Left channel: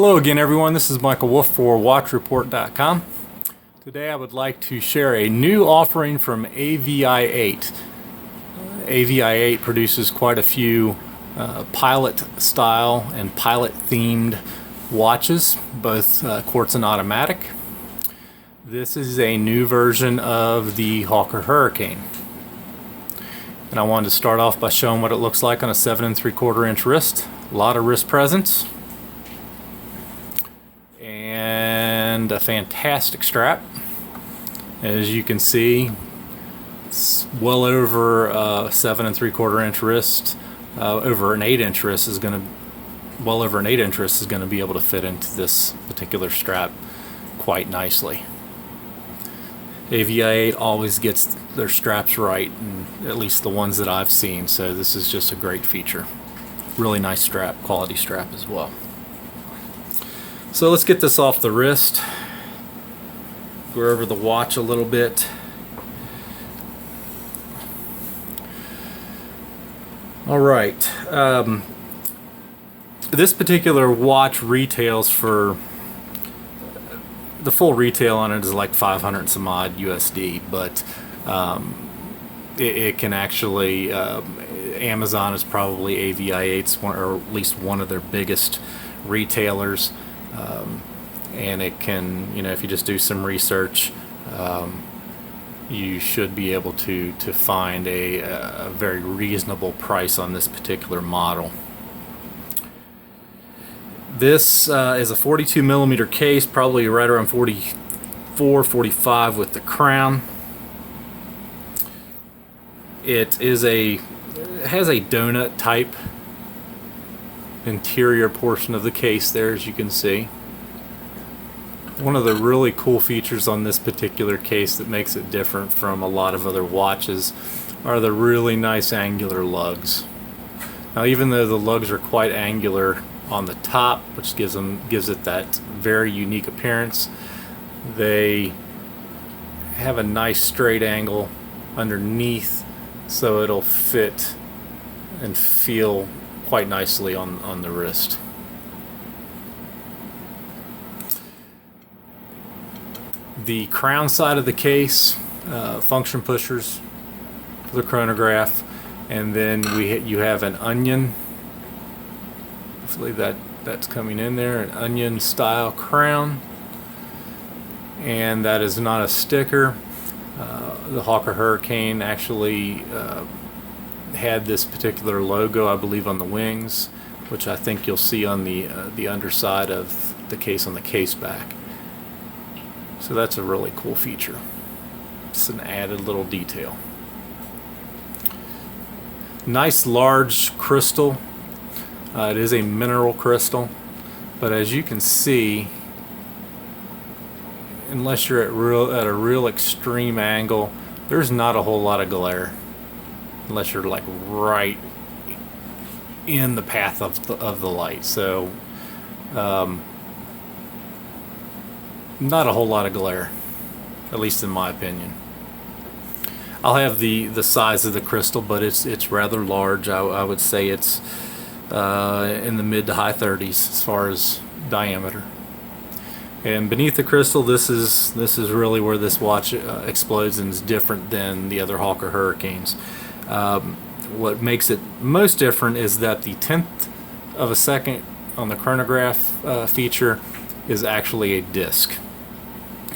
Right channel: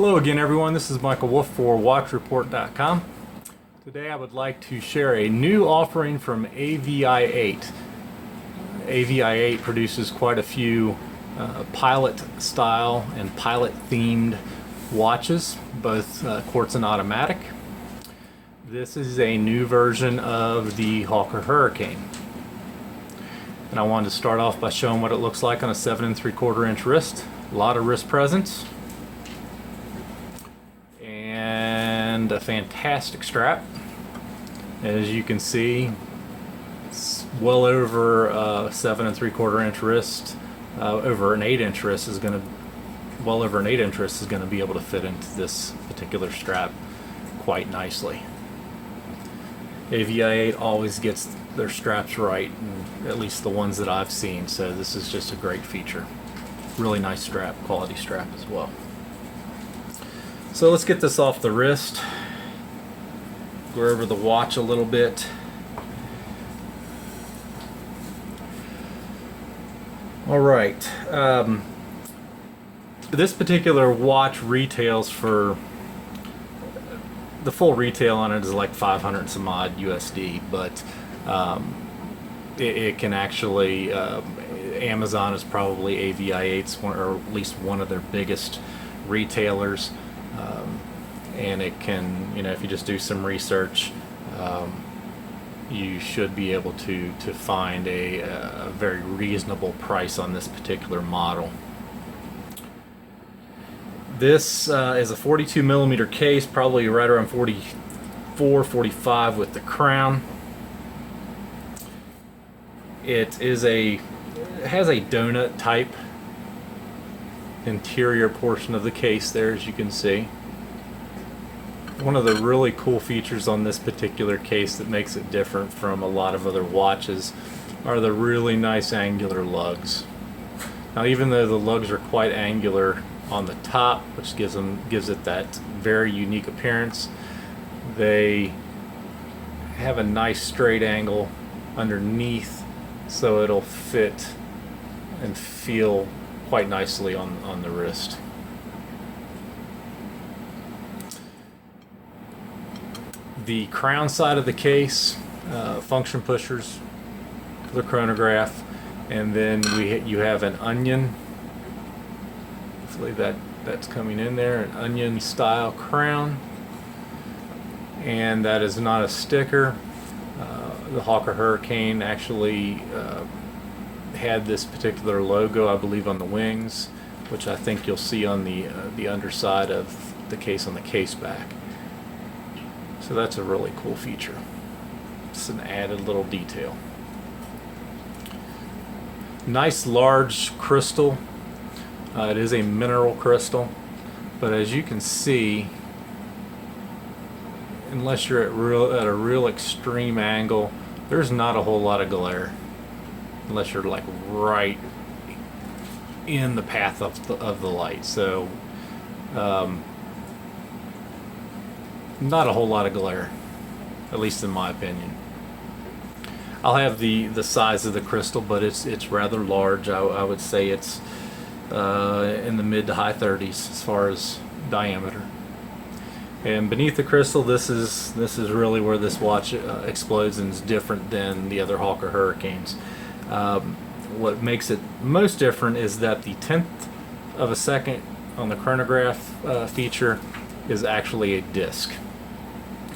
Hello again, everyone. This is Michael Wolfe for WatchReport.com. Today I would like to share a new offering from AVI-8. AVI-8 produces quite a few pilot style and pilot themed watches, both quartz and automatic. This is a new version of the Hawker Hurricane. And I wanted to start off by showing what it looks like on a 7 3/4 inch wrist. A lot of wrist presence. And a fantastic strap. As you can see, it's well over 7 3/4 inch wrist. Over an 8 inch wrist is going to, well over an 8 inch wrist is going to be able to fit into this particular strap quite nicely. AVI-8 always gets their straps right, and at least the ones that I've seen, so this is just a great feature. Really nice strap, quality strap as well. So let's get this off the wrist. Go over the watch a little bit. All right. This particular watch retails for, the full retail on it is like 500 and some odd USD, but it can actually, Amazon is probably AVI-8's one, or at least one of their biggest retailers. And it can, you know, if you just do some research, you should be able to find a very reasonable price on this particular model. This is a 42 millimeter case, probably right around 44, 45 with the crown. It has a donut type interior portion of the case there, as you can see. One of the really cool features on this particular case that makes it different from a lot of other watches are the really nice angular lugs. Now, even though the lugs are quite angular on the top, which gives it that very unique appearance, they have a nice straight angle underneath, so it'll fit and feel quite nicely on the wrist. The crown side of the case, function pushers for the chronograph, and then you have an onion. Hopefully that's coming in there, an onion style crown, and that is not a sticker. The Hawker Hurricane actually had this particular logo, I believe, on the wings, which I think you'll see on the underside of the case on the case back. So that's a really cool feature. It's an added little detail. Nice large crystal. It is a mineral crystal, but as you can see, unless you're at a real extreme angle, there's not a whole lot of glare, unless you're like right in the path of the light. So not a whole lot of glare, at least in my opinion. I'll have the size of the crystal, but it's rather large. I would say it's in the mid to high 30s as far as diameter. And beneath the crystal, this is really where this watch explodes and is different than the other Hawker Hurricanes. What makes it most different is that the 10th of a second on the chronograph feature is actually a disc.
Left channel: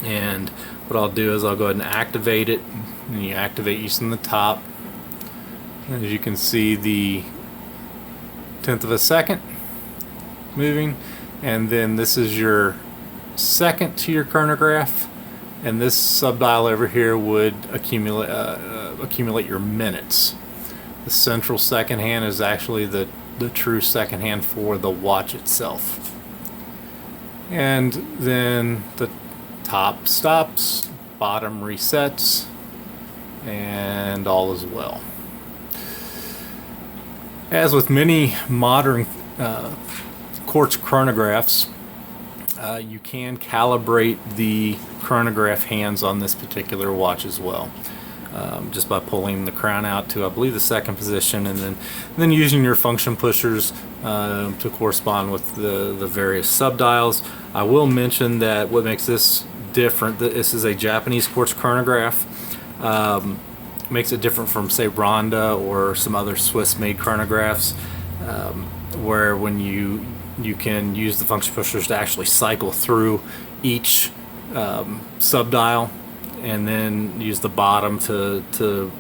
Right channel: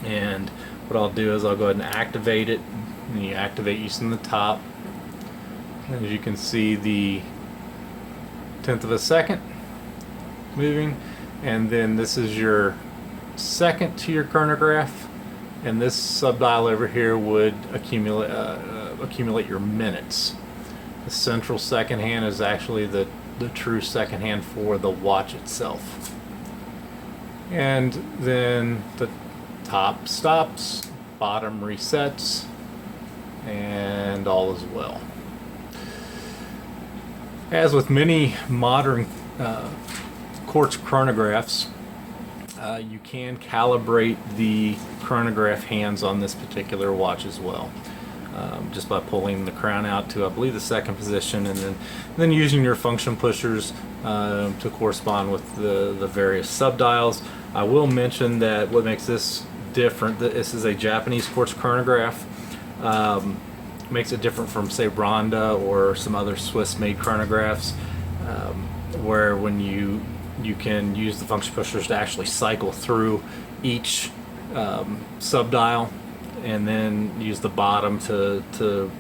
And what I'll do is I'll go ahead and activate it, and you activate using the top. As you can see, the 10th of a second moving, and then this is your second to your chronograph, and this subdial over here would accumulate your minutes. The central second hand is actually the true second hand for the watch itself. And then the top stops, bottom resets, and all is well. As with many modern quartz chronographs, you can calibrate the chronograph hands on this particular watch as well. just by pulling the crown out to, I believe, the second position, and then using your function pushers to correspond with the various subdials. I will mention that what makes this different, this is a Japanese quartz chronograph. Makes it different from, say, Ronda or some other Swiss-made chronographs, where when you can use the function pushers to actually cycle through each subdial, and then use the bottom to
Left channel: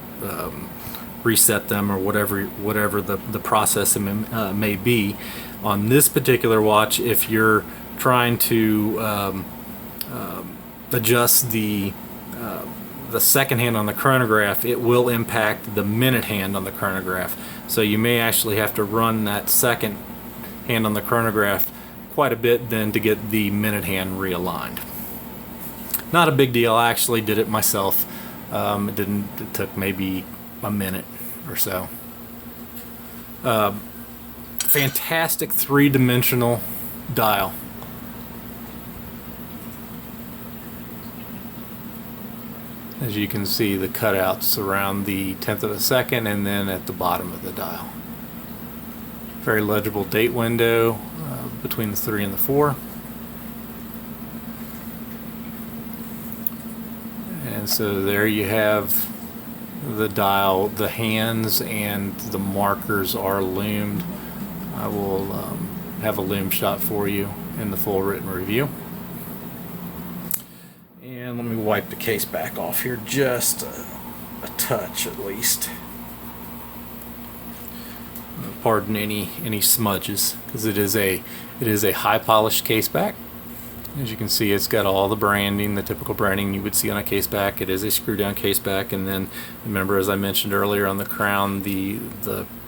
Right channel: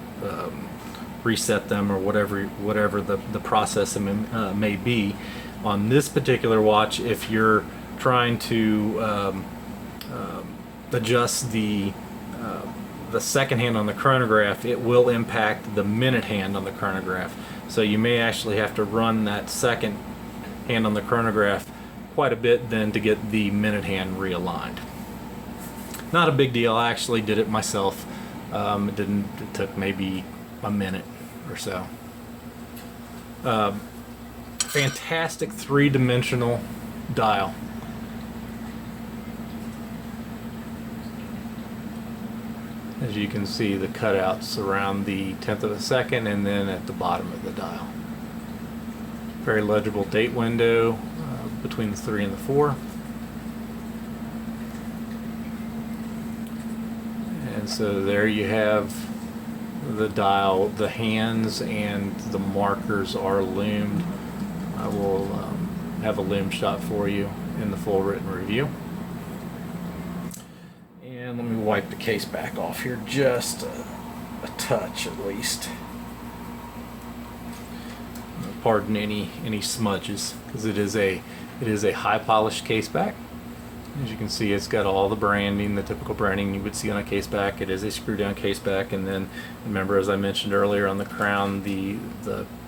reset them, or whatever the process may be. On this particular watch, if you're trying to adjust the second hand on the chronograph, it will impact the minute hand on the chronograph. So you may actually have to run that second hand on the chronograph quite a bit then to get the minute hand realigned. Not a big deal. I actually did it myself. It took maybe a minute or so. Fantastic three-dimensional dial. As you can see, the cutouts around the 10th of a second and then at the bottom of the dial. Very legible date window between the 3 and the 4. And so there you have the dial. The hands and the markers are loomed. I will have a loom shot for you in the full written review. And let me wipe the case back off here just a touch at least. Pardon any smudges, because it is a high polished case back. As you can see, it's got all the branding, the typical branding you would see on a case back. It is a screw down case back, and then remember, as I mentioned earlier, on the crown, the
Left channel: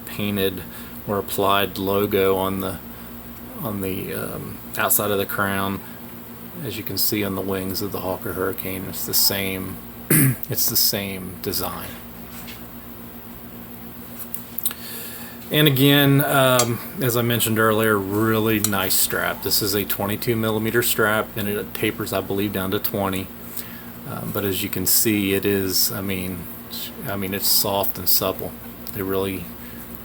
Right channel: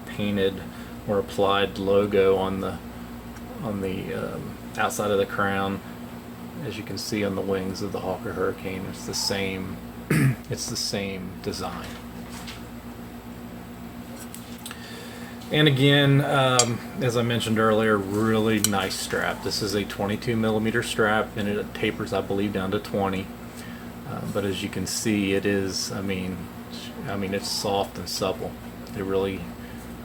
painted or applied logo on the outside of the crown. As you can see on the wings of the Hawker Hurricane, it's the same it's the same design. And again, as I mentioned earlier, really nice strap. This is a 22 millimeter strap, and it tapers, I believe, down to 20. But as you can see, it is, I mean, it's soft and supple. They really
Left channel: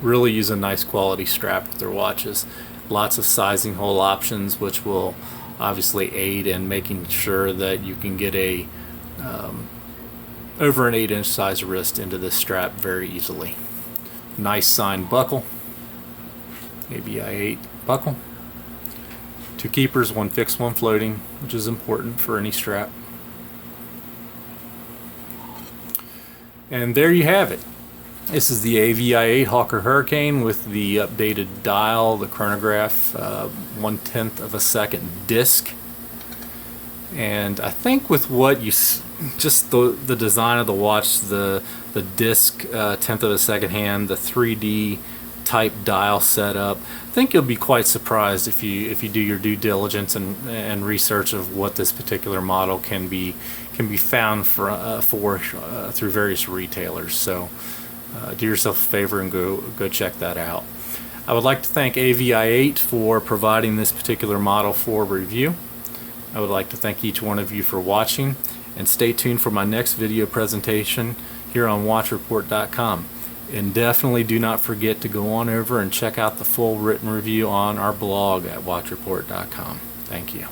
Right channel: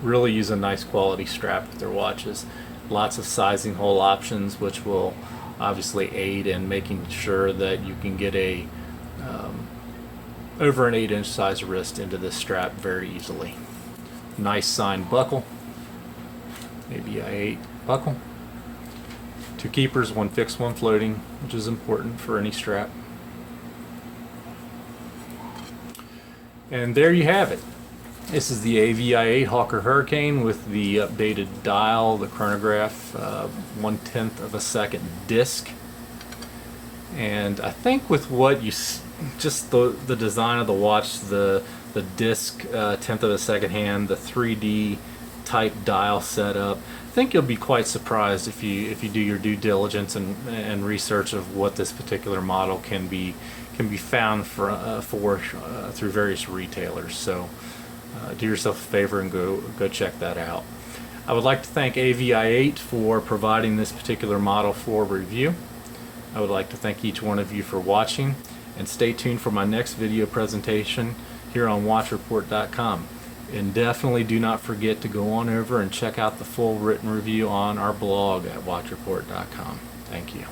use a nice quality strap with their watches. Lots of sizing hole options, which will obviously aid in making sure that you can get a over an 8-inch size wrist into this strap very easily. Nice signed buckle, AVI-8 buckle. 2 keepers, 1 fixed, 1 floating, which is important for any strap. And there you have it. This is the AVI-8 Hawker Hurricane with the updated dial, the chronograph, 1/10 of a second disc. And I think with what you just the design of the watch, the disc 10th of a second hand, the 3D type dial setup, I think you'll be quite surprised if you do your due diligence and research of what this particular model can be found for through various retailers. So do yourself a favor and go check that out. I would like to thank AVI-8 for providing this particular model for review. I would like to thank each one of you for watching, and stay tuned for my next video presentation here on watchreport.com. And definitely do not forget to go on over and check out the full written review on our blog at watchreport.com. Thank you.